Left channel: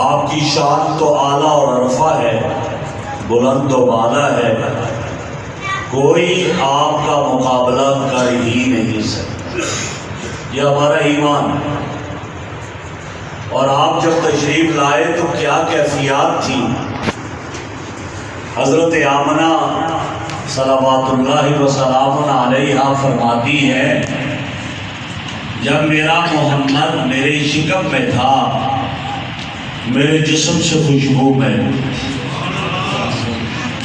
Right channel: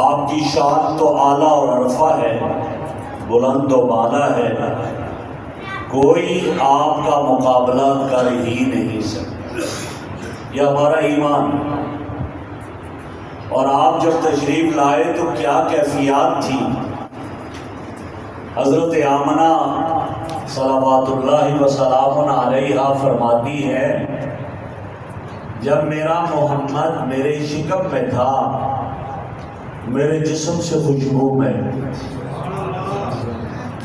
آپ کی شان تو اعلیٰ اور عرفہ ہے، بلند و بالا ہے، کوئی آپ کا مقابلہ کر ہی نہیں سکتا۔ یہ ہمارا ایمان ہے۔ اور آپ جب تشریف لائے تو کیا کیفیات تھی۔ حضرت آمنہ صلوات اللہ وسلام علیہا فرماتی ہے، جب میرا محمد میرے شکم میں تھا میرے جسم سے خوشبو میں،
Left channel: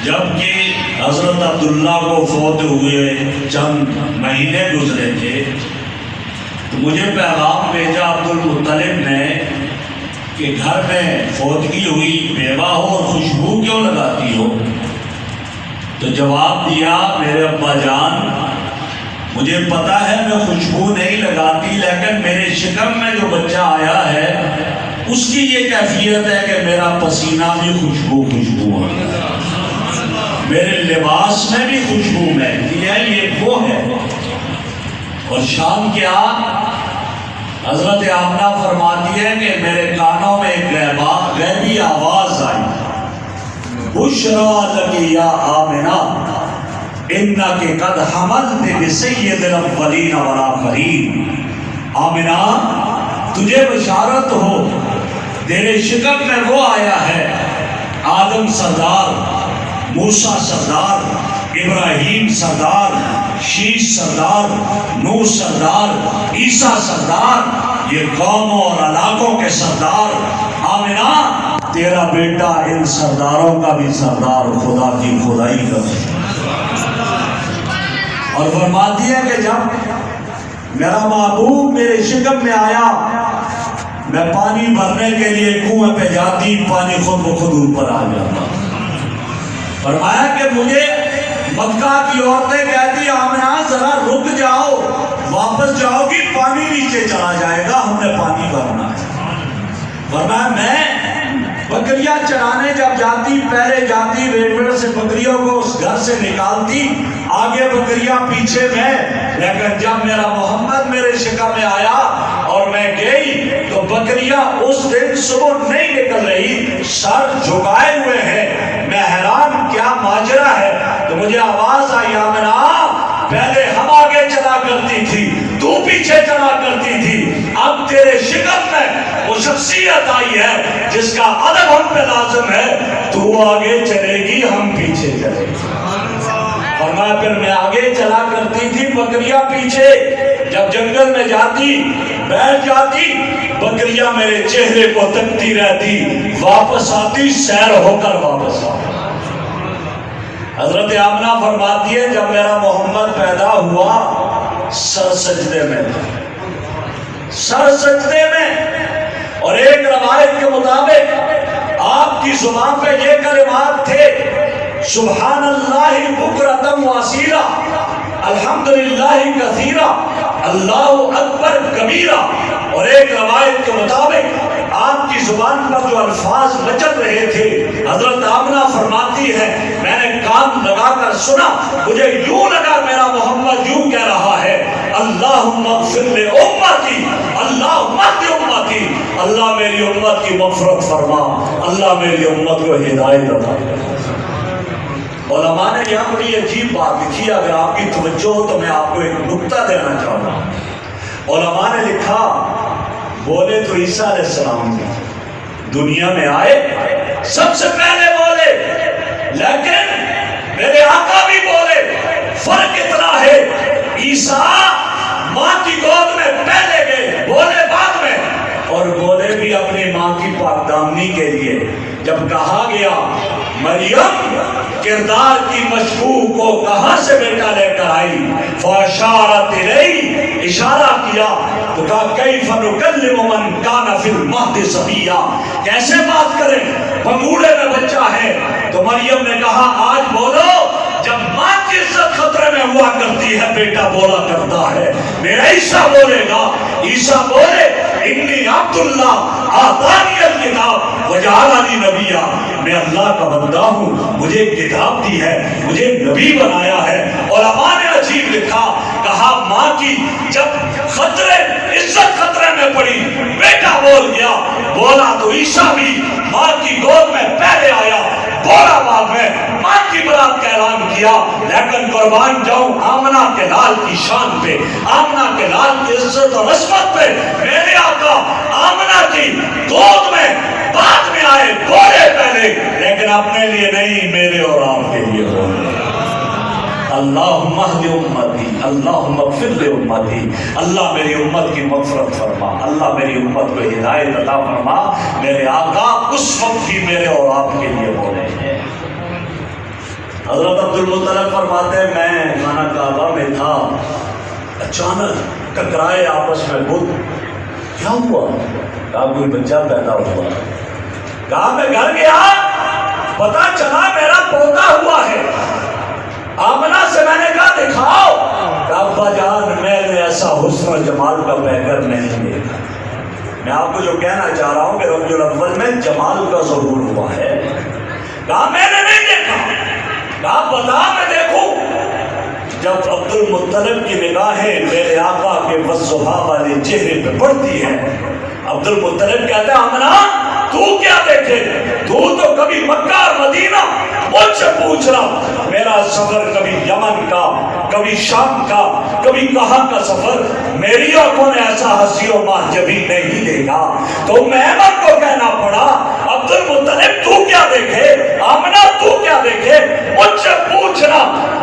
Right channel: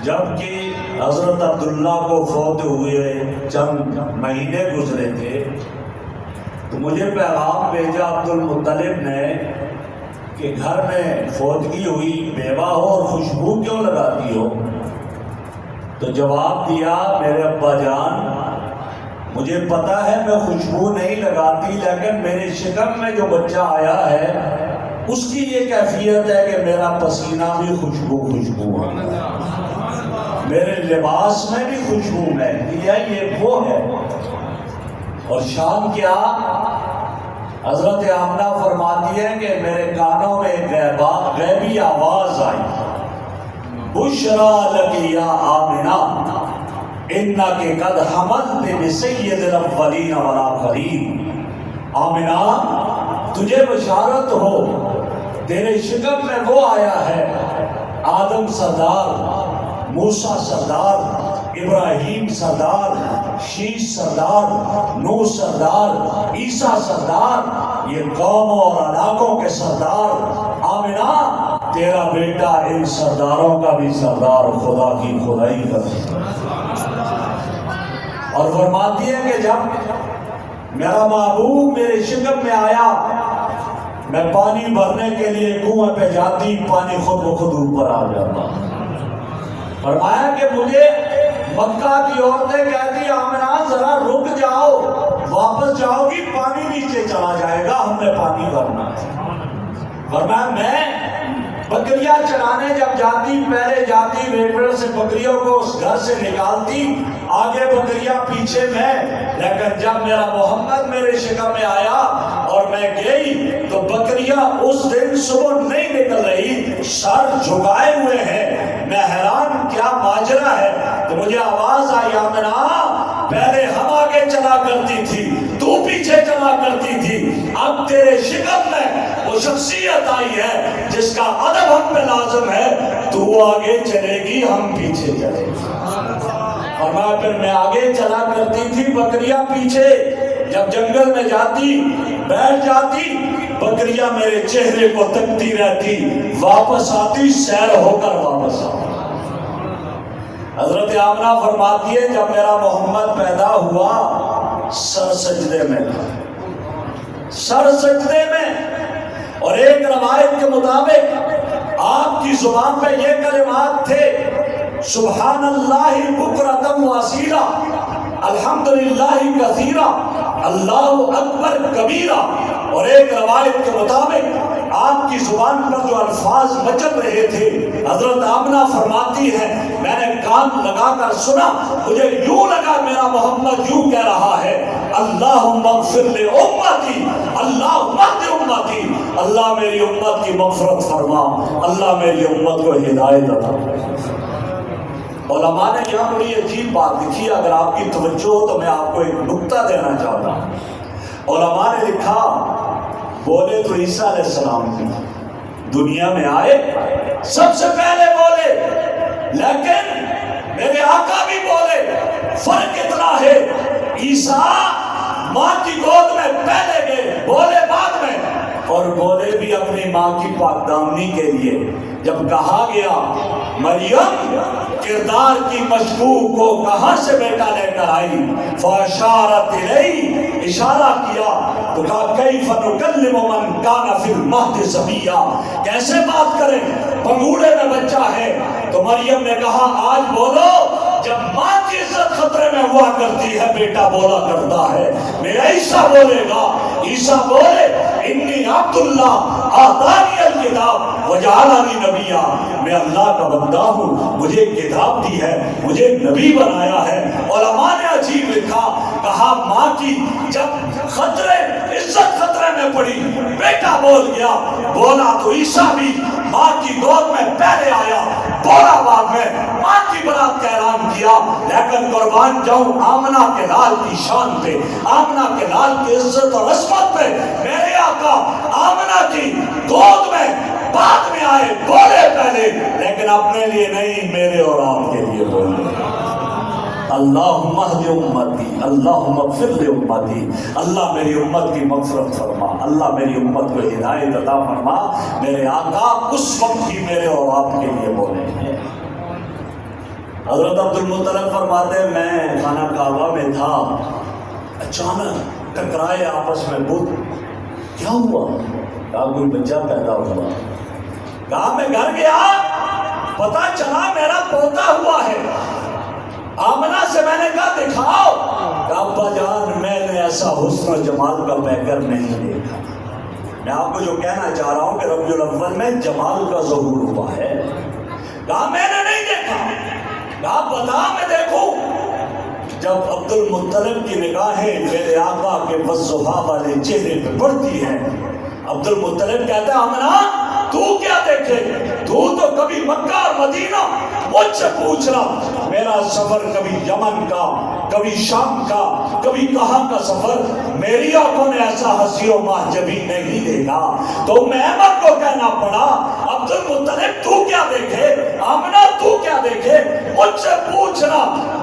جبکہ حضرت عبداللہ کو فوت ہوئے چند مہینے گزرے تھے تو مجھے پیغام بھیجا عبدالمطلب نے کہ گھر میں فوتگی ہوئی، بیوہ ہو اور خوشبو کیوں لگاتی ہو؟ تو جواب دیا، میرے ابا جان مجھے پتا ہے میں خوشبو نہیں لگاتی، لیکن میرے شکم میں جو بچہ آیا ہے اس کی یہ کیفیت ہے کہ میرا پسینہ بھی خوشبو آتا ہے، میرے لباس میں بھی خوشبو مہکتی ہے، یہ وہ ہے۔ اور شان کیا؟ حضرت آمنہ فرماتی ہے کہ میرے کانوں میں ایک غیبی آواز آئی، بشرا لکی یا آمنہ انک قد حملت بسید الاولین والآخرین۔ آمنہ تجھے بشارت ہو، تیرے شکم میں وہ آیا ہے، آدم سردار، موسیٰ سردار، ابراہیم سردار، شیش سردار، نوح سردار، عیسیٰ سردار، یہ قوموں اور علاقوں کے سردار۔ آمنہ تیرا بیٹا ان سرداروں کا بھی سردار، خدا کی خدائی کا۔ اور فرماتی ہے کہ جب میرا محبوب میرے شکم میں آیا، میں پانی بھرنے کے لیے کنویں پہ جاتی، پانی خود بخود اوپر آ جاتا۔ فرمایا کہ مجھے مکہ کی عورتیں کہتی، آمنہ ذرا رک جاؤ، واپس جاؤ گی پانی نیچے چلا جائے گا، ہم نے پانی بھرنا ہے۔ فرمایا میں بکریاں چرانے جب جاتی، پہلے جاتی ریڈیو سے بکریوں کو اس گھر سے نکالتی، آگے بکریاں پیچھے میں، لیکن جب میرا محمد میرے شکم میں آیا اور میں گئی تو بکریاں اس دن صبح نہیں نکل رہی، سر جھکائے ہوئے ہیں۔ میں حیران کیا ماجرا ہے، تو مجھے آواز آئی، آمنہ پہلے ہم آگے چلا کرتی تھی، تو پیچھے چلا کرتی تھی، اب تیرے شکم میں وہ شخصیت آئی ہے جس کا ادب ہم پہ لازم ہے، تو آگے چلے گی ہم پیچھے چلے گی۔ فرمایا پھر میں آگے چلا کرتی تھی، بکریاں پیچھے، جب جنگل میں جاتی بیٹھ جاتی، بکریاں میرے چہرے کو تکتی رہتی، واپس آتی سیر ہو کر واپس آتی۔ حضرت آمنہ فرماتی ہے جب میرا محمد پیدا ہوا سر سجدے میں، سر سجدے میں، اور ایک روایت کے مطابق آپ کی زبان پہ یہ کلمات تھے، سبحان اللہ بکرۃ واصیلا، الحمدللہ کثیرا، اللہ اکبر کبیرا۔ اور ایک روایت کے مطابق آپ کی زبان پر جو الفاظ مچل رہے تھے، حضرت آمنہ فرماتی ہے میں نے کان لگا کر سنا، مجھے یوں لگا میرا محمد یوں کہہ رہا ہے، اللہم اغفر لامتی، اللہم اہد امتی، اللہ میری امت کی مغفرت فرما، اللہ میری امت کو ہدایت عطا۔ علماء نے یہاں بڑی عجیب بات لکھی، اگر آپ کی توجہ ہو تو میں آپ کو ایک نکتہ دینا چاہتا ہوں۔ علماء نے لکھا، بولے تو عیسیٰ علیہ السلام کی دنیا میں آئے سب سے پہلے بولے، لیکن میرے آقا بھی بولے، فرق اتنا ہے عیسیٰ ماں کی گود میں پہلے گئے، بولے بعد میں، اور بولے بھی اپنی ماں کی پاکدامنی کے لیے۔ جب کہا گیا مریم کردار کی مشبوہ کو کہاں سے بیٹا لے کر آئی، فاشارت الیہ، اشارہ کیا تو کہا کیف نکلم من کان فی المہد صبیا، کیسے بات کریں پنگوڑے میں بچہ ہے۔ تو مریم نے کہا آج بولو، جب ماں کی عزت خطرے میں ہوا کرتی ہے بیٹا بولا کرتا ہے، میرا عیسیٰ بولے گا۔ عیسیٰ بولے انی عبداللہ آتانی الکتاب وجعلنی نبیا، میں اللہ کا بندہ ہوں، مجھے کتاب دی ہے، مجھے نبی بنایا ہے۔ علماء نے عجیب لکھا، کہا ماں کی جب خطرے عزت خطرے میں پڑی، بیٹا بول گیا، بولا تو عیسیٰ بھی ماں کی گود میں پہلے آیا، بولا بعد میں، ماں کی برات کا اعلان کیا، لیکن قربان جاؤں آمنہ کے لال کی شان پہ، آمنہ کے لال کی عزت اور عظمت پہ، میرے آقا آمنہ کی گود میں بعد میں آئے، بولے پہلے، لیکن اپنے لیے نہیں، میرے اور آپ کے لیے بولے۔ اللہم اہد امتی، اللہم اغفر لے امتی، اللہ میری امت کی مغفرت فرما، اللہ میری امت کو ہدایت عطا فرما۔ میرے آقا اس وقت بھی میرے اور آپ کے لیے بولے ہیں۔ حضرت عبدالمطلب فرماتے ہیں میں خانہ کعبہ میں تھا، اچانک ٹکرائے آپس میں بت، کیا ہوا؟ کہا کوئی بچہ پیدا ہوا، کہا میں گھر گیا، پتا چلا میرا پوتا ہوا ہے۔ آمنہ سے میں نے کہا دکھاؤ، کہا ابا جان میں نے ایسا حسن و جمال کا پیکر نہیں دیکھا۔ میں آپ کو جو کہنا چاہ رہا ہوں کہ ربیع الاول میں جمال کا ظہور ہوا ہے، کہا میں نے نہیں دیکھا، کہا بتا میں دیکھوں۔ جب عبدالمطلب کی نگاہیں میرے آقا کے والضحیٰ والے چہرے پہ پڑتی ہیں، عبدالمطلب کہتے ہیں آمنہ تو کیا دیکھے؟ تو کبھی مکہ اور مدینہ مجھ سے پوچھ رہا، میرا سفر کبھی یمن کا، کبھی شام کا، کبھی کہاں کا سفر، میری آنکھوں نے ایسا حسی و معجبی نہیں دیکھا۔ تو محمد کو کہنا پڑا عبدالمطلب تو کیا دیکھے، آمنہ تو کیا دیکھے، مجھ سے پوچھنا،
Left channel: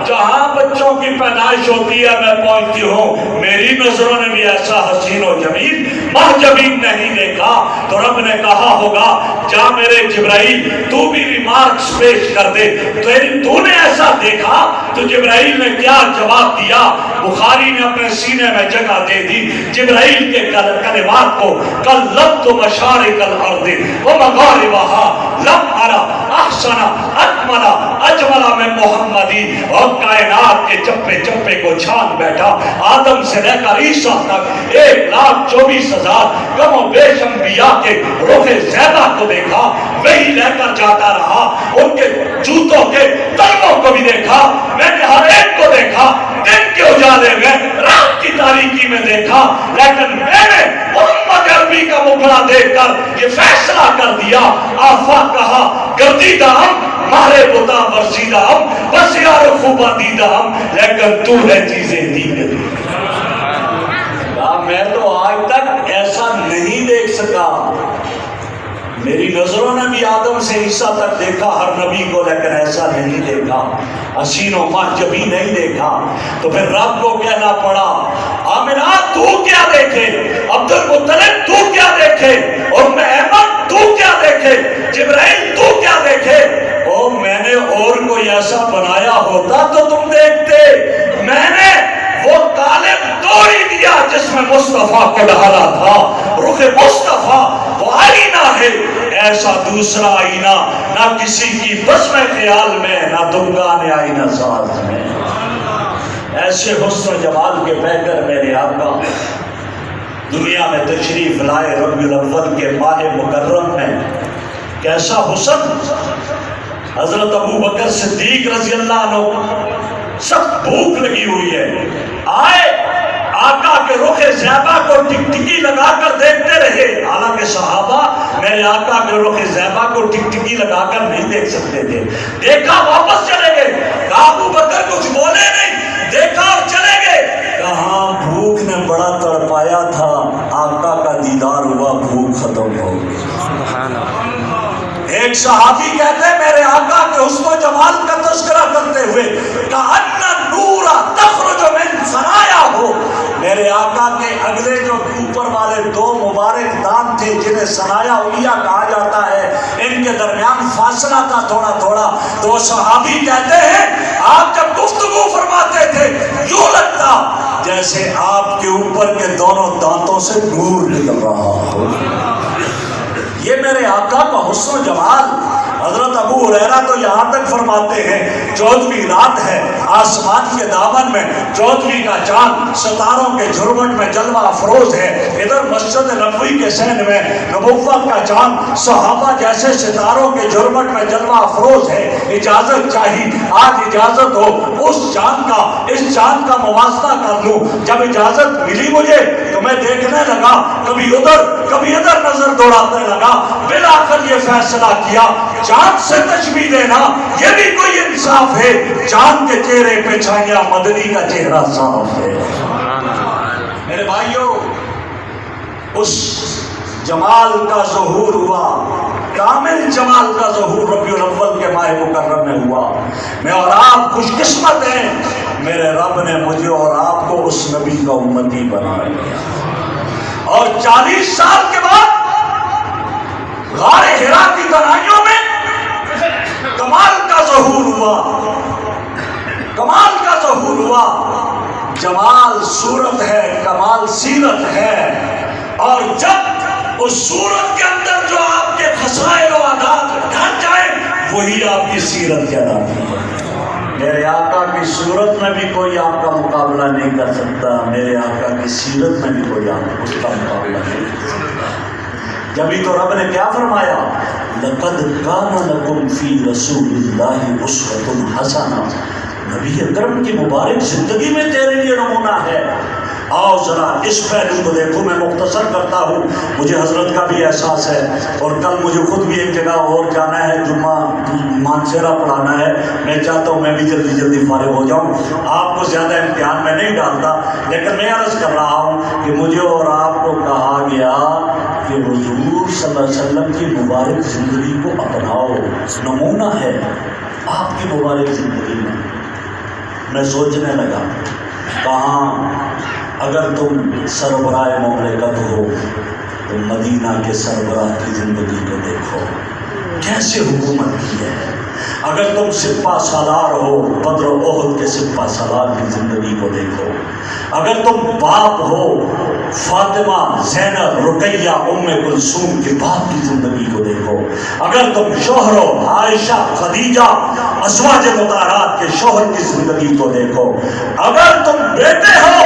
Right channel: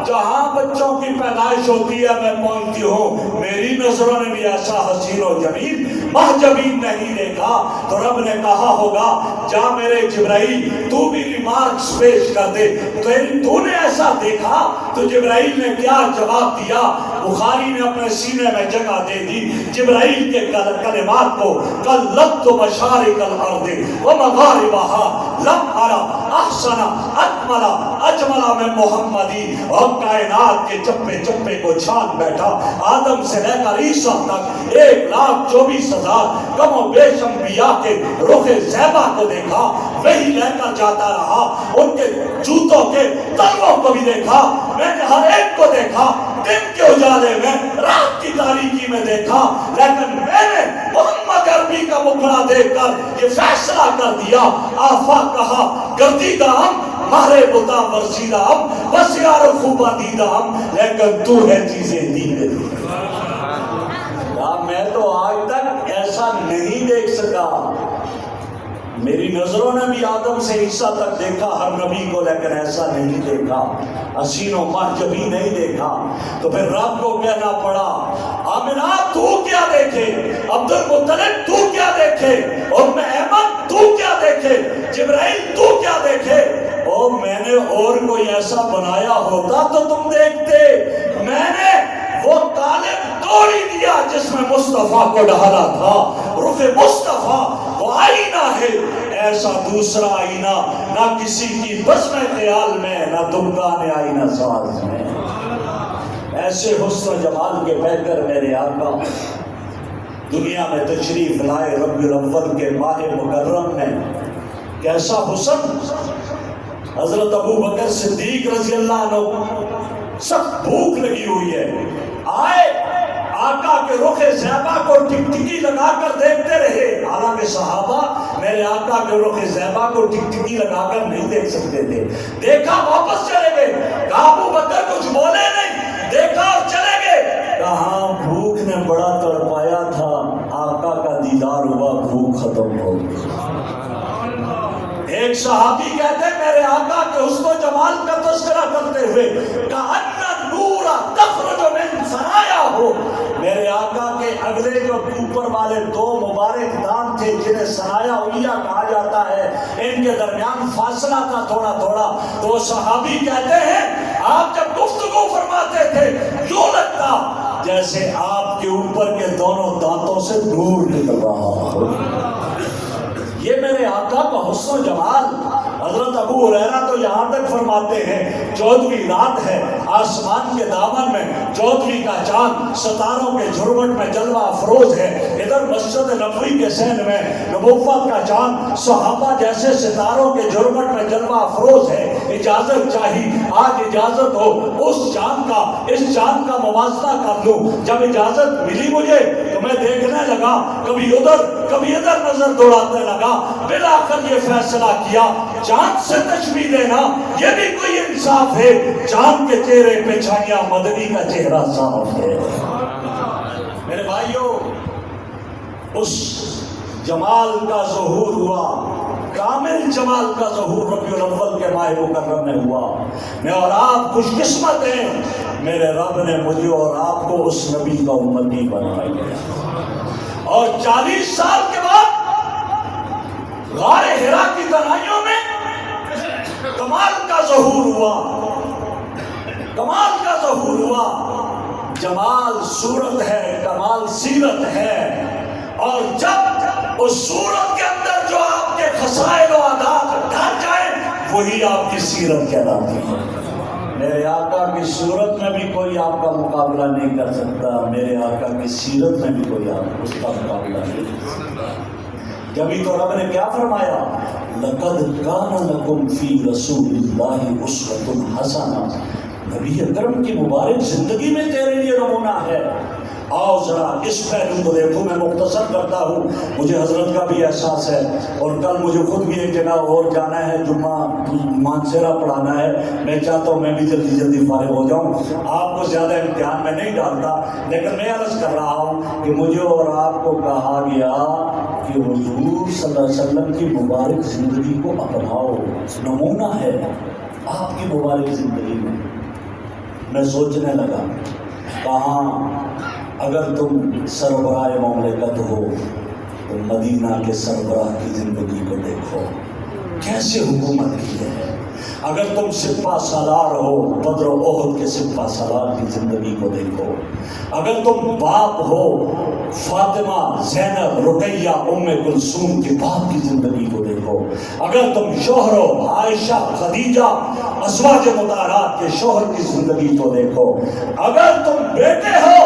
جہاں بچوں کی پیدائش ہوتی ہے میں پہنچتی ہوں، میری نظروں نے بھی ایسا حسین و جمیل محجبین نہیں دیکھا۔ تو رب نے کہا ہوگا جا میرے جبرائیل تو بھی ریمارکس پیش کر دے، تو نے ایسا دیکھا؟ تو جبرائیل نے کیا جواب دیا؟ بخاری نے اپنے سینے میں جگہ دے دی جبرائیل کے کلمات کو، قلبت مشارق الارض ومغاربها لم ارى احسن اکمل اجمل من محمدی، اور کائنات کے چپے چپے کو چھان بیٹھا، آدم سے لے کر عیسیٰ تک 1,24,000 کم و بیش انبیاء کے روح زیبہ کو دیکھا، وہی لے کر جاتا رہا، ان کے جوتوں کے تلووں کو بھی دیکھا، میں نے ہر ایک کو دیکھا، دن کے اجالے میں، رات کی تاریکی میں دیکھا، لیکن میں نے محمد عربی کا مکھڑا دیکھ کر یہ فیصلہ کر دیا، آفاق کہا گردیدہ ہم، مہر بتا ورزیدہ ہم، بسیار خوبہ دیدہ ہم، لیکن تو ہے چیزیں دیدہ۔ میں تو آج تک ایسا نہیں دیکھ سکا، میری نظروں نے بھی آدم سے عیسیٰ تک دیکھا ہر نبی کو، لیکن ایسا نہیں دیکھا، حسین و محجبی نہیں دیکھا۔ تو پھر رب کو کہنا پڑا آمنہ تو کیا دیکھے، عبدالمطلب تو کیا دیکھے، اور محمد تو کیا دیکھے، جبرائیل تو کیا دیکھے؟ اور میں نے اور کوئی ایسا بنایا ہوتا تو تم دیکھتے، میں نے وہ قالب توڑ ہی دیا جس میں مصطفیٰ کو ڈھالا تھا، رخ مصطفیٰ وہ آئینہ ہے، ایسا دوسرا آئینہ نہ کسی کی بزم خیال میں، نہ دمگان آئینہ ساز میں۔ ایسے حسن و جمال کے پیکر میرے آقا دنیا میں تشریف لائے ربیع الاول کے ماہ مکرم میں، کیسا حسن! حضرت ابو بکر صدیق رضی اللہ عنہ سخت بھوک لگی ہوئی ہے، آئے آقا کے رخ زیبہ کو ٹکٹکی لگا کر دیکھتے رہے، حالانکہ صحابہ میرے آقا کے رخ زیبہ کو ٹکٹکی لگا کر نہیں دیکھ سکتے تھے، دیکھا واپس چلے گئے، کہا ابو بکر کچھ بولے نہیں، دیکھا اور چلے گئے، کہاں بھوک نے بڑا تڑپایا تھا، آقا کا دیدار ہوا بھوک ختم ہو گئی۔ ایک صحابی کہتے ہیں میرے آقا کے حسن و جمال کا تذکرہ کرتے ہوئے کأن نورا تخرج من ثنایاہ، میرے آقا کے اگلے جو اوپر والے دو مبارک دانت تھے جنہیں ثنایا علیہ کہا جاتا ہے، ان کے درمیان فاصلہ تھا تھوڑا تھوڑا، تو صحابی کہتے ہیں آپ جب گفتگو فرماتے تھے یوں لگتا جیسے آپ کے اوپر کے دونوں دانتوں سے نور نکل رہا ہو۔ یہ میرے آقا کا حسن و جمال. حضرت ابو ہریرہ تو یہاں تک فرماتے ہیں 14ویں رات ہے, آسمان کے دامن میں 14ویں کا چاند ستاروں کے جھرمٹ میں جلوہ افروز ہے. ادھر مسجد نبوی کے سین میں نبوت کا چاند صحابہ جیسے ستاروں کے جھرمٹ میں جلوہ افروز ہے. اجازت چاہیے, آج اجازت ہو اس چاند کا, اس چاند کا موازنہ کر لوں. جب اجازت ملی مجھے تو میں دیکھنے لگا, کبھی ادھر کبھی ادھر نظر دوڑانے لگا. بالآخر یہ فیصلہ کیا, چاند سے تشبیہ دینا یہ بھی کوئی انصاف ہے؟ چاند کے چہرے پہ چھایا مدنی کا چہرہ صاف ہے. میرے بھائیوں, اس جمال کا ظہور ہوا, کامل جمال کا ظہور ربیع الاول کے ماہ مکرم میں ہوا. میں اور آپ خوش قسمت ہیں, میرے رب نے مجھے اور آپ کو اس نبی کا امتی بنا دیا. اور 40 سال کے بعد غار حرا کی تنہائیوں میں کمال کا ظہور ہوا, کمال کا ظہور ہوا. جمال صورت ہے, کمال سیرت ہے. اور جب اس صورت کے اندر جو آپ کے خصائل و عادات ڈھک جائے وہی آپ کی سیرت کہلاتی ہے. میرے آقا کی صورت میں بھی کوئی آپ کا مقابلہ نہیں کر سکتا, میرے آقا کی سیرت میں بھی کوئی آپ اس کا مقابلہ نہیں کر سکتا. جبھی تو رب نے کیا فرمایا, لَقَدْ كَانَ لَكُمْ فِي رَسُولِ اللَّهِ أُسْوَةٌ حَسَنَةٌ. نبی اکرم کی مبارک زندگی میں تیرے لیے نمونہ ہے. آؤ ذرا اس پہلو کو دیکھو. میں مختصر کرتا ہوں, مجھے حضرت کا بھی احساس ہے اور کل مجھے خود بھی ایک جگہ اور جانا ہے, جمعہ مانسیرا پڑھانا ہے. میں چاہتا ہوں میں بھی جلدی جلدی فارغ ہو جاؤں. آپ کو زیادہ امتحان میں نہیں ڈالتا, لیکن میں عرض کر رہا ہوں کہ مجھے اور آپ کو کہا گیا کہ حضور صلی اللہ علیہ وسلم کی مبارک زندگی کو اپناؤ, نمونہ ہے آپ کی مبارک زندگی میں. میں سوچنے لگا, کہاں اگر تم سربراہ مملکت ہو تو مدینہ کے سربراہ کی زندگی کو دیکھو, کیسے حکومت کی ہے. اگر تم سپہ سالار ہو, بدر و احد کے سپہ سالار کی زندگی کو دیکھو. اگر تم باپ ہو, فاطمہ, زینب, رقیہ, ام کلثوم کے باپ کی زندگی کو دیکھو. اگر تم شوہر ہو, عائشہ, خدیجہ, ازواج مطہرات کے شوہر کی زندگی کو دیکھو. اگر تم بیٹے ہو,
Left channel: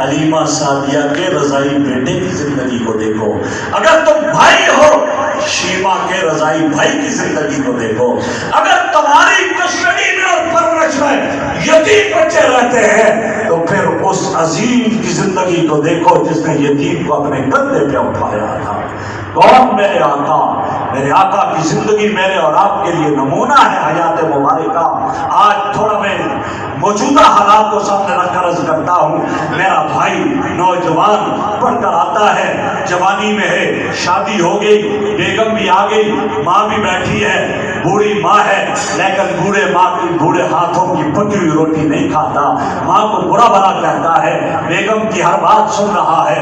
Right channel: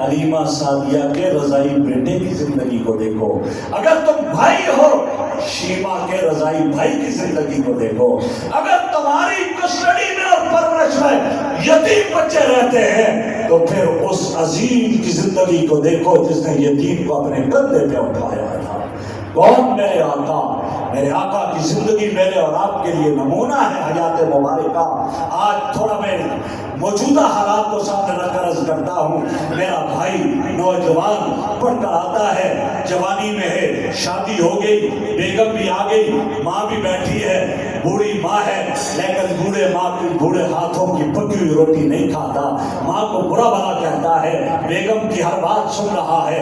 حلیمہ سعدیہ کے رضائی بیٹے کی زندگی کو دیکھو. اگر تم بھائی ہو, شیما کے رضائی بھائی کی زندگی کو دیکھو. اگر تمہاری کسٹڈی میں اور پرورش میں یتیم بچے رہتے ہیں تو پھر اس عظیم کی زندگی کو دیکھو جس نے یتیم کو اپنے کندھے پہ اٹھایا تھا. کون؟ میرے آقا. میرے آقا کی زندگی میرے اور آپ کے لیے نمونہ ہے حیات مبارکہ. آج تھوڑا میں موجودہ حالات کو سامنے رکھ کر عرض کرتا ہوں. میرا بھائی نوجوان پڑھ کر آتا ہے, جوانی میں ہے, شادی ہو گئی, بیگم بھی آ گئی, ماں بھی بیٹھی ہے, بوڑھی ماں ہے, لیکن بوڑھے ہاتھوں کی پکی ہوئی روٹی نہیں کھاتا. ماں کو برا بھلا کہتا ہے, بیگم کی ہر بات سن رہا ہے.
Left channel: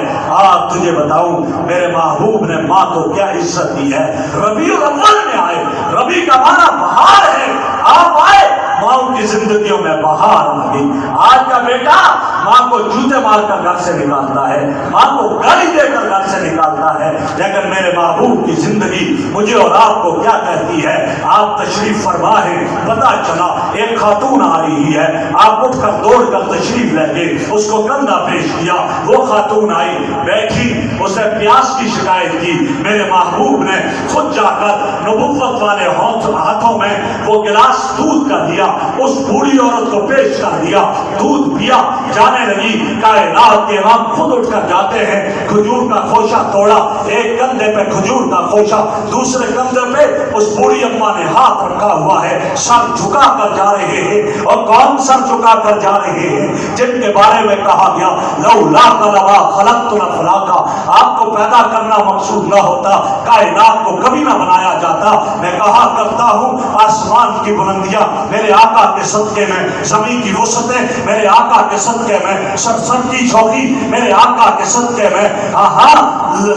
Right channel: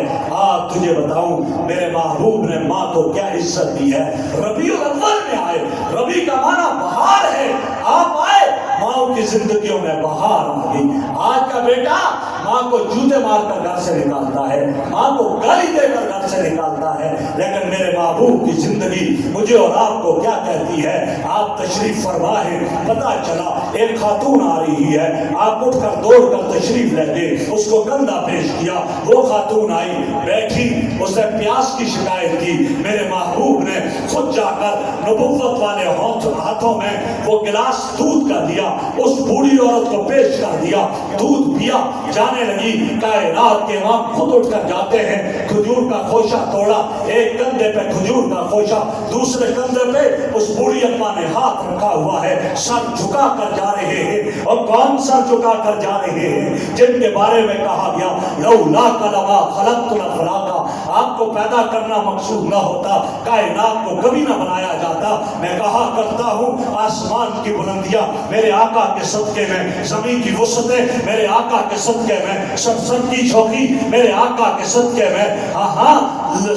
تجھے بتاؤں میرے محبوب نے ماں کو کیا عزت دی ہے. ربیع الاول میں آئے, ربیع کا معنی بہار ہے, آپ آئے, ماں کی زندگیوں میں بہار آ گئی. آج کا بیٹا ماں کو جوتے مار کر گھر سے نکالتا ہے, ماں کو گالی دے کر گھر سے نکالتا ہے, لیکن میرے محبوب کی زندگی مجھے اور آپ کو کیا کہتی ہے. آپ تشریف فرما ہے, پتہ چلا ایک خاتون آ رہی ہے, آپ اٹھ کر دوڑ کر تشریف لے گئے, اس کو کندھا پیش کیا. وہ خاتون آئی, بیٹھی, اس نے پیاس کی شکایت کی. میرے محبوب نے خود جا کر نبوت والے ہاتھوں میں وہ گلاس دودھ کا دیا, اس بوڑھی عورت کو پیش کر دیا. دودھ پیا, جانے لگی. کائنات کے امام خود اٹھ کر جاتے ہیں, کھجور کا خوشہ توڑا, ایک کندھے پہ کھجور کا خوشہ, دوسرے کندھے پہ اس بوڑھی اماں نے ہاتھ رکھا ہوا ہے, سر جھکا کر جا رہے ہیں. اور کون سر جھکا کر جا رہے ہیں؟ جن کے بارے میں کہا گیا لولا لما خلقت الافلاک, آپ کو پیدا کرنا مقصود نہ ہوتا, کائنات کو کبھی نہ بنایا جاتا. میں کہا کرتا ہوں آسمان کی بلندیاں میرے آقا کے صدقے میں, زمین کی وسعتیں میرے آقا کے صدقے میں, سب کی چوکی میرے آقا کے صدقے میں,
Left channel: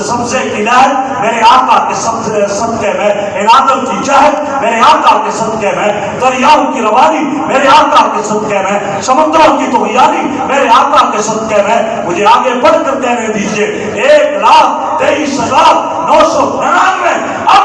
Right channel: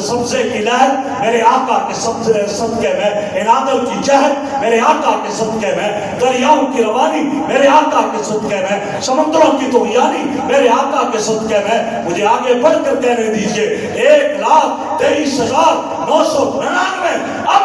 سبزے کی لہر میرے آقا کے صدقے میں, انادل کی چہر میرے آقا کے صدقے میں, دریاؤں کی روانی میرے آقا کے صدقے میں, سمندروں کی طغیانی میرے آقا کے صدقے میں. مجھے آگے بڑھ کر کہنے دیجئے 1,23,999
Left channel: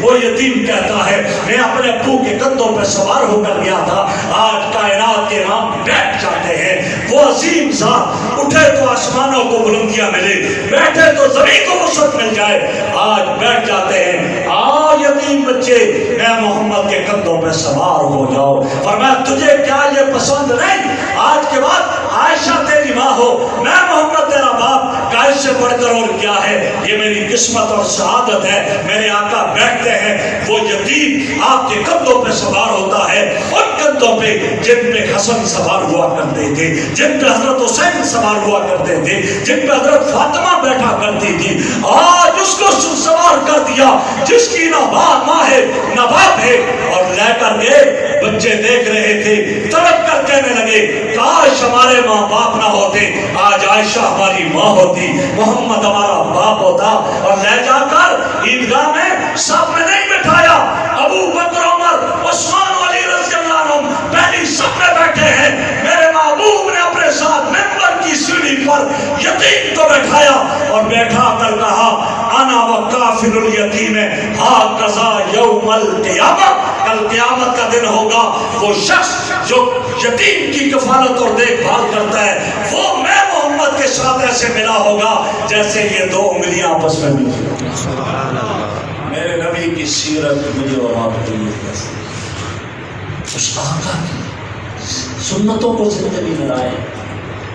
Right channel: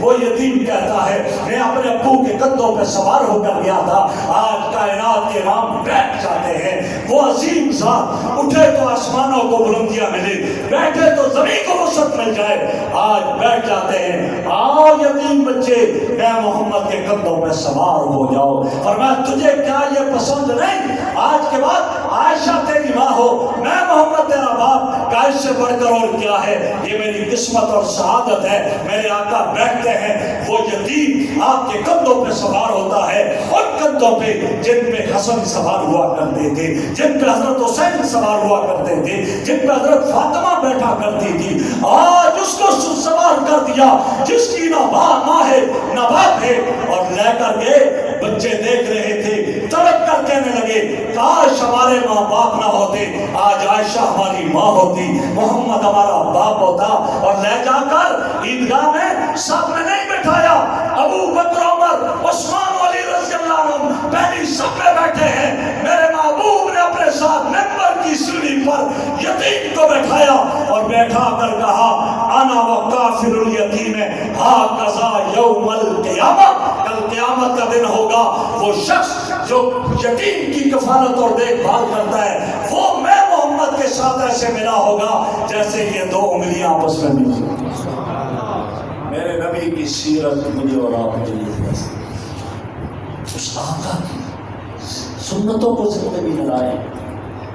وہ یتیم کہتا ہے میں اپنے ابو کے کندھوں پہ سوار ہو کر گیا تھا، آج کائنات کے امام بیٹھ جاتے ہیں، وہ عظیم ذات اٹھے تو آسمانوں کو بلندیاں ملے، بیٹھے تو زمین کو وسعت مل جائے، آج بیٹھ جاتے ہیں، آؤ یتیم بچے میں محمد کے کندھوں پہ سوار ہو جاؤ۔ فرمایا تجھے کیا یہ پسند نہیں؟ آج کے بعد عائشہ تیری ماں ہو، میں محمد تیرا باپ، کا اس سے بڑھ کر اور کیا ہے؟ یہ میری قسمت اور سعادت ہے۔ میرے آقا بیٹھتے ہیں، وہ یتیم آپ کے کندھوں پہ سوار ہوتا ہے، ان کندھوں پہ جن پہ حسن سوار ہوا کرتے تھے، جن پہ حضرت حسین سوار ہوا کرتے تھے، جن پہ حضرت فاطمہ بیٹھا کرتی تھی، آج اس کو سوار کر دیا جس کی نہ ماں ہے نہ باپ ہے، اور لے کر گئے۔ بچے دیکھ رہے تھے، تڑپ کر کہنے لگے کاش ہمارے ماں باپ نہ ہوتے، آج عائشہ ہماری ماں ہوتی، محمد ہمارا باپ ہوتا۔ اور لے جا کر عیدگاہ میں سب میں نہیں بٹھایا، ابو بکر عمر عثمان علی رضی اللہ عنہ پہلی سب میں بیٹھے ہیں، میرے محبوب نے اپنے ساتھ ممبر کی سیڑھی پر یتیم کو بیٹھایا اور بیٹھا کر کہا انا وکافل الیتیم ہاکذا یوم القیامہ، کل قیامت کا دن ہوگا، وہ شخص جو یتیم کی کفالت اور دیکھ بھال کرتا ہے وہ میں محمد کے ساتھ ایسے ملا ہوگا جیسے یہ دو انگلیاں آپس میں ملی۔ میرے نبی کی سیرت مجھے اور آپ کے لیے اس آقا کی سنتوں کو زندگی میں لائیں،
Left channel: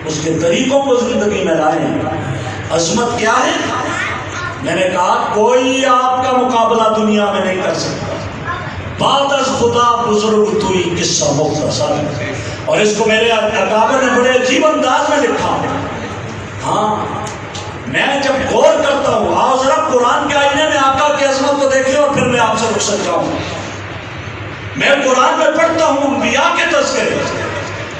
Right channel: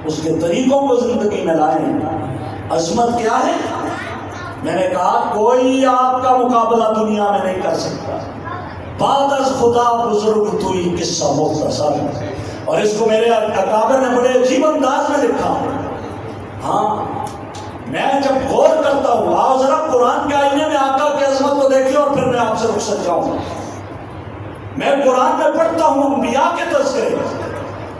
اس کے طریقوں کو زندگی میں لائیں۔ عظمت کیا ہے؟ میں نے کہا کوئی آپ کا مقابلہ دنیا میں نہیں کر سکتا، بعد از خدا بزرگ توئی قصہ مختصر، اور اس کو میرے اکابر نے بڑے عجیب انداز میں لکھا۔ ہاں میں جب غور کرتا ہوں، آؤ ذرا قرآن کے آئینے میں آقا کی عظمت کو دیکھیے اور پھر میں آپ سے رخصت جاؤں۔ میں قرآن میں پڑھتا ہوں انبیاء کے تذکرے،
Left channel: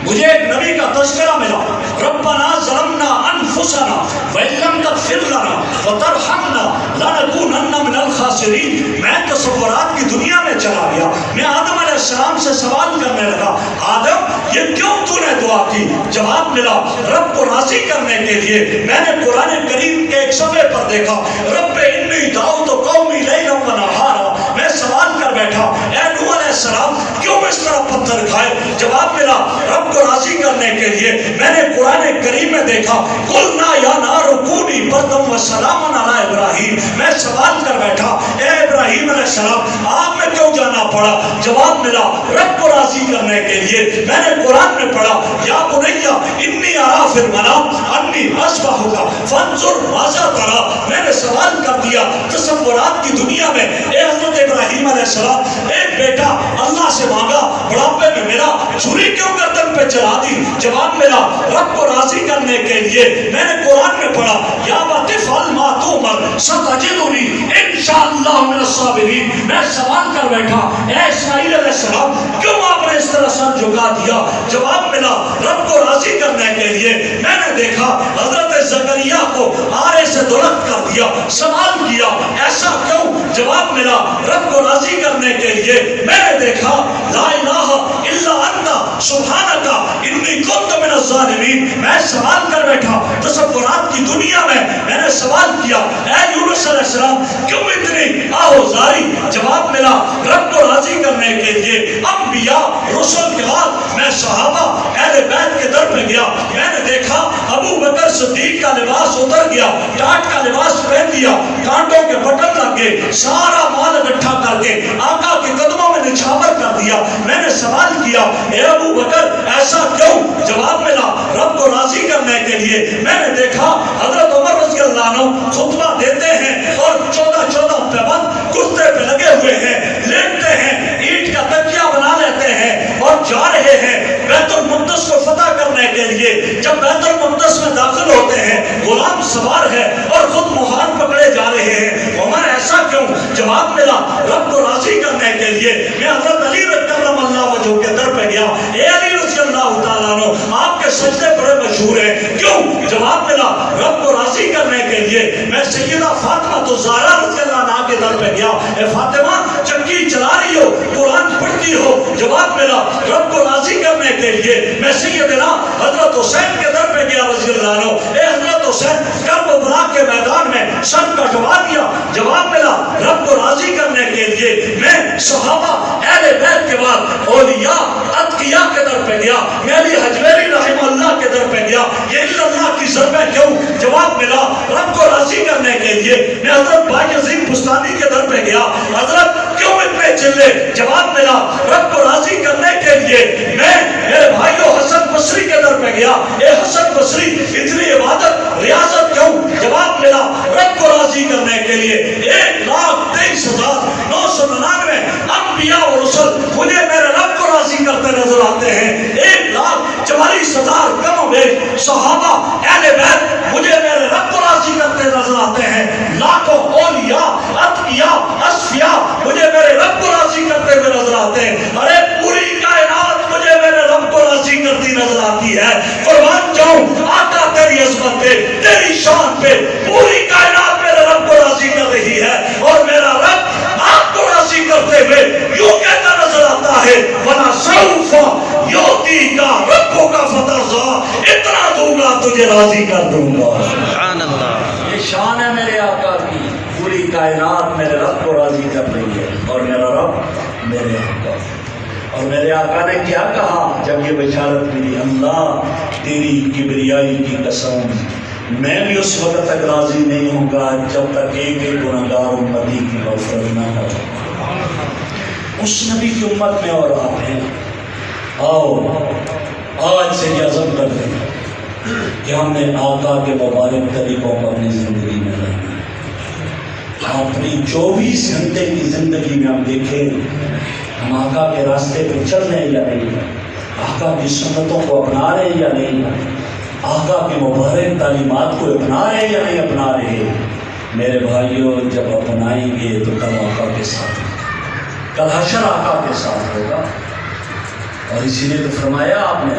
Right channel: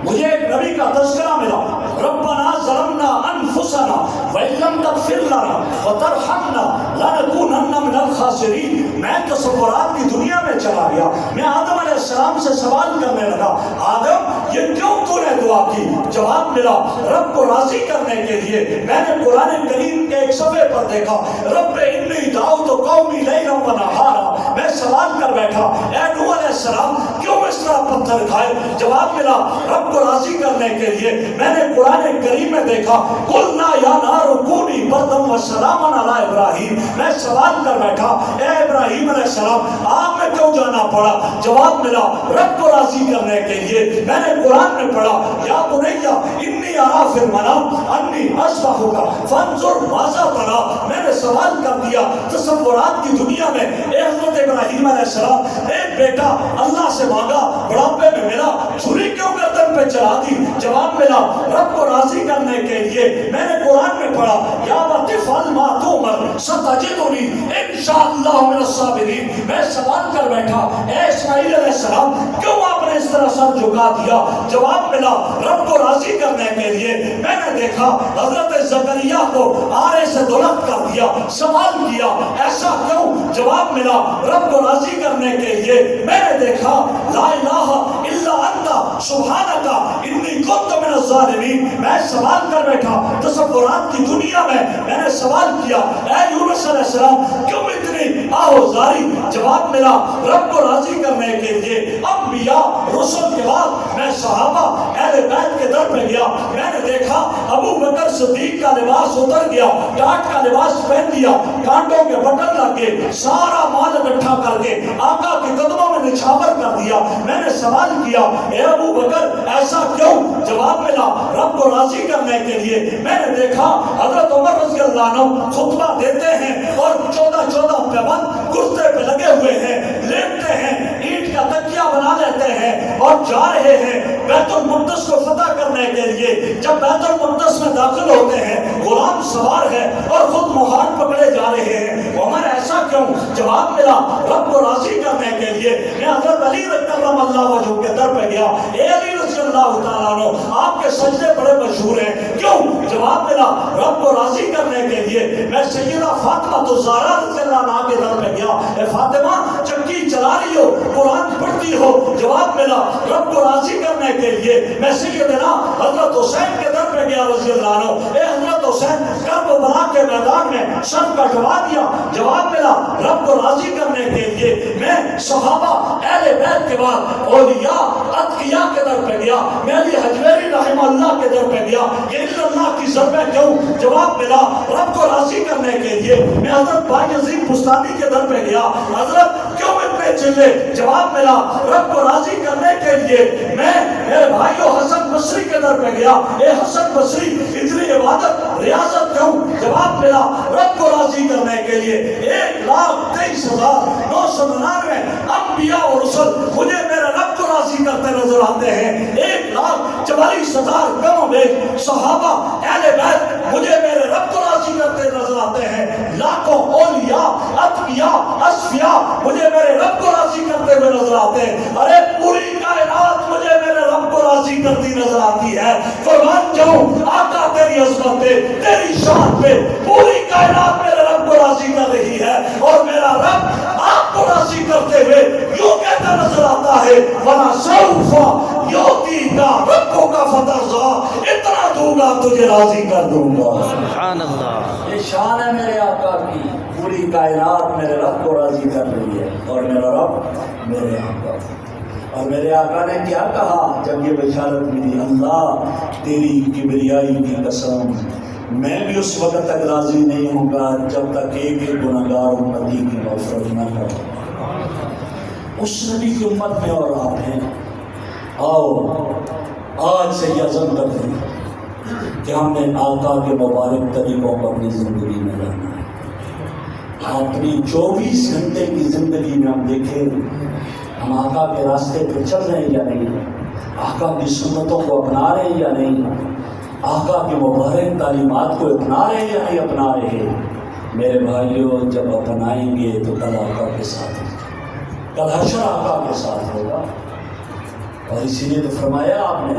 مجھے ایک نبی کا تذکرہ ملا، ربنا ظلمنا انفسنا وان لم تغفر لنا وترحمنا لنکونن من الخاسرین۔ میں تصورات کی دنیا میں چلا گیا، میں آدم علیہ السلام سے سوال کرنے لگا آدم یہ کیوں تو نے دعا کی؟ جواب ملا رب کو راضی کرنے کے لیے۔ میں نے قرآن کریم کے ایک صفحے پر دیکھا رب انی دعوت قومی لیلا ونہارا، میں سوال کر بیٹھا اے نوح علیہ السلام کیوں اس طرح پتھر کھائے؟ جواب ملا رب کو راضی کرنے کے لیے۔ میں نے قرآن کریم میں دیکھا قلنا یا نار کونی بردم و سلاما علی ابراہیم، میں سوال کر بیٹھا اے ابراہیم علیہ السلام آگ میں کیوں جانا پڑا؟ جواب ملا رب کو راضی کرنے کے لیے۔ میں نے قرآن میں پڑھا یا بنیا انی ارا فی المنام انی اذبحک فانظر ماذا تری، میں نے سوال کر دیا تصورات کی دنیا میں اے حضرت ابراہیم علیہ السلام ایک بیٹا اللہ سے مانگا، بڑھاپے میں ملا، چھری کیوں گردن پہ چلا دی؟ جواب ملا رب کو راضی کرنے کے لیے۔ میں نے قرآن میں پڑھا یا بطفال ما تؤمر ستجدنی انشاءاللہ من الصابرین، میں سوال کر بیٹھا اے اسماعیل علیہ السلام کیوں آپ نے اس طرح سر جھکا دیا؟ جواب ملا رب کو راضی کرنے کے لیے۔ میں نے دیکھا حضرت زکریا کو آرے سے درخت کر دیا، سوال کیا ایسا کیوں؟ جواب ملا رب کو راضی کرنے کے لیے۔ میں نے دیکھا لا الہ الا انت سبحانک انی کنت من الظالمین، میں سوال کر بیٹھا تصورات کی دنیا میں۔ میں نے سوال کیا اے یونس علیہ السلام کیوں اتنی آہوزاری؟ جواب ملا رب کو راضی کرنے کے لیے۔ انبیاء رسول کے بعد میں صحابہ اہل بیت کے در پہ گیا، میں نے دیکھا ابو بکر صدیق کا لباس اتر گیا، ٹاٹ کا لباس پہن لیا، کانٹوں کے بٹن لگ گئے، سارا مال اکٹھا کر کے آقا کے قدموں میں نچھاور کر دیا۔ میں نے سوال کیا اے ابو بکر ایسا کیوں؟ جواب ملا رب کو راضی کرنے کے لیے۔ میں نے دیکھا حضرت عمر رضی اللہ عنہ خطبہ دیتے ہیں اور 14 پیبند کرتے پہ لگے ہوئے ہیں، لیٹتے ہیں، اینٹ کا تکیہ بنا لیتے ہیں اور جا رہے ہیں بیت المقدس کو فتح کرنے کے لیے۔ جب بیت المقدس میں داخل ہوتے ہیں غلام سوار ہے اور خود مہار پکڑے جا رہے ہیں، عمر ایسا کیوں؟ جواب ملا رب کو راضی کرنے کے لیے۔ میں حضرت علی کرم اللہ وجہہ کے در پہ گیا، اے علی رضی اللہ تعالیٰ عنہ آپ کے سجدے بڑے مشہور ہیں، کیوں؟ جواب ملا رب کو راضی کرنے کے لیے۔ میں سیدہ فاطمہ الزہرا رضی اللہ عنہا کے در پہ گیا، اے فاطمہ چکی چلا رہی ہو، قرآن پڑھتی ہو؟ جواب ملا رب کو راضی کرنے کے لیے۔ میں سیدنا حضرت حسین کے در پہ گیا رضی اللہ عنہ، اے حضرت حسین کربلا کے میدان میں سر کٹوا دیا؟ جواب ملا رب کو راضی صحابہ اہل بیت کے بعد اولیاء اتقیاء کے در پہ گیا، میں علی حجویری رحمہ اللہ کے در پہ گیا، یہ الا اللہ کی ضربیں کیوں؟ جواب ملا رب کو راضی کرنے کے لیے۔ میں حضرت بایزید بستانی کے در پہ گیا، حضرت کیوں اتنے چلے؟ جواب ملا رب کو راضی کرنے کے لیے۔ میں میرے بھائیو حسن بصری کے در پہ گیا، اے حسن بصری اتنی عبادت ریاضت کیوں؟ جواب ملا رب کو راضی کرنے کے لیے۔ 1,23,999 انبیاء و رسل مجھے میرے رب کو راضی کرتے نظر آتے ہیں۔ 1,44,000 کم و بیش صحابہ اہل بیت مجھے میرے رب کو راضی کرتے نظر آتے ہیں۔ لاکھوں اولیاء اتقیاء اصفیاء مجھے میرے رب کو راضی کرتے ہوئے نظر آتے ہیں۔ ارے پوری کائنات مجھے میرے رب کو راضی کرتی نظر آتی ہے۔ قربان جاؤں آقا تیری عظمت پہ، تیری شان پہ، پوری کائنات میرے رب کو راضی کر رہی ہے، اور میرا رب آپ کو راضی کرتے ہوئے یوں کہتا نظر آتا ہے وَلَسَوْفَ يُعْطِيكَ رَبُّكَ فَتَرْضَىٰ، اتنا دوں گا تجھے راضی کر دوں گا۔ سبحان اللہ۔ یہ شان ہے میرے آقا کی، پوری کائنات میرے رب کو راضی کر رہی ہے، اور میرا رب میرے آقا۔ اور میرے آقا نے کیا کہا جب یہ بشارت ملی؟ اللہ تیری کبریائی کی قسم، میں بھی اس وقت تک راضی نہیں ہوں گا جب تک ایک ایک گناہگار امتی کی مغفرت نہ کروں۔ اس نبی کی امت میں اور آپ ہیں، آؤ آج سے یہ عزم کر دیں کہ ہم نے آقا کے مبارک طریقوں کو اپنی زندگی میں رہنا ہے۔ اپنی 24 گھنٹے کی زندگی میں ہم دیکھیں ہم آقا کے راستے پہ چل رہے ہیں یا نہیں، آقا کی سنتوں کو اپنا رہے ہیں یا نہیں، آقا کی مبارک تعلیمات کو اپنا رہے ہیں یا نہیں اپنا رہے۔ میرے بھائیوں جب اپنائیں گے تو کل آقا کے ساتھ ہوگا، کل حشر آقا کے ساتھ ہوگا۔ اور اسی لیے تو فرمایا آپ نے،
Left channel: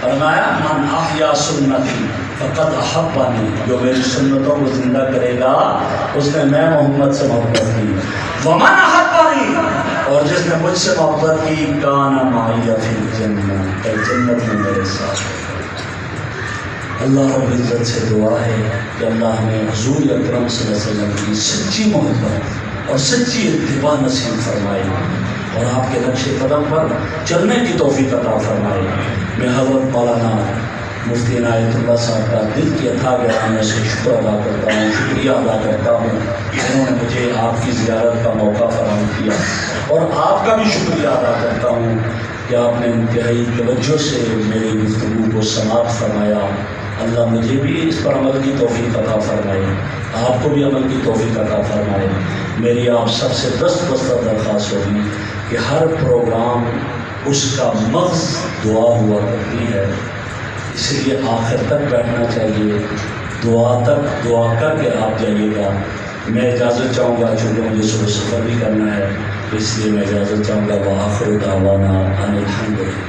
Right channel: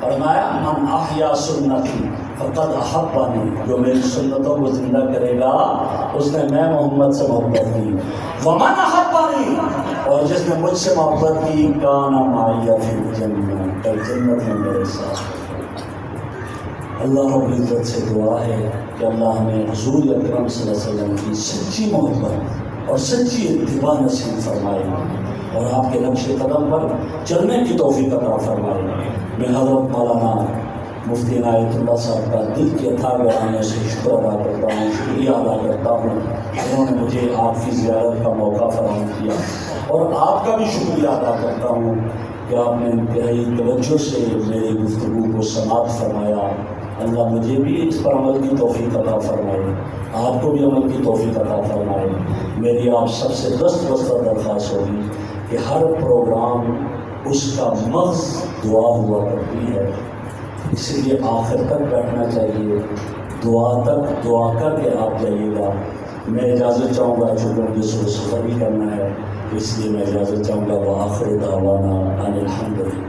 فرمایا من احیا سنتی فقد احبنی، جو میری سنتوں کو زندہ کرے گا اس نے میں محمد سے محبت کی، ومن احبنی، اور جس نے مجھ سے محبت کی کان معی فی الجنت، جنت میں میرے ساتھ۔ اللہ رب العزت سے دعا ہے کہ اللہ ہمیں حضور اکرم صلی اللہ علیہ وسلم کی سچی محبت اور سچی اتباع نصیب فرمائے، اور آپ کے نقش قدم پر چلنے کی توفیق عطا فرمائے۔ میں حضرت مولانا مفتی عنایت اللہ صاحب کا دل کی اتھاہ گرانے سے شکر ادا کرتا ہوں، شکریہ ادا کرتا ہوں، انہوں نے مجھے آپ کی زیارت کا موقع فراہم کیا، اور آپ کا بھی شکریہ ادا کرتا ہوں کہ آپ نے انتہائی توجہ سے میری گفتگو کو سماعت فرمایا۔ اللہ مجھے بھی اس پر عمل کی توفیق عطا فرمائے، آپ کو بھی عمل کی توفیق عطا فرمائے۔ میری آپ سب سے دست درخواست ہوگی کہ ہر پروگرام اس کا مغز دعا ہوا کرتی ہے، اس لیے آخر تک بیٹھنا چاہیے، دعا کر کے آپ جائیے گا۔ میں اجازت چاہوں گا چونکہ مجھے صبح سفر بھی کرنا ہے، اس لیے میں اجازت چاہوں گا۔ وآخر دعوانا ان الحمد للہ۔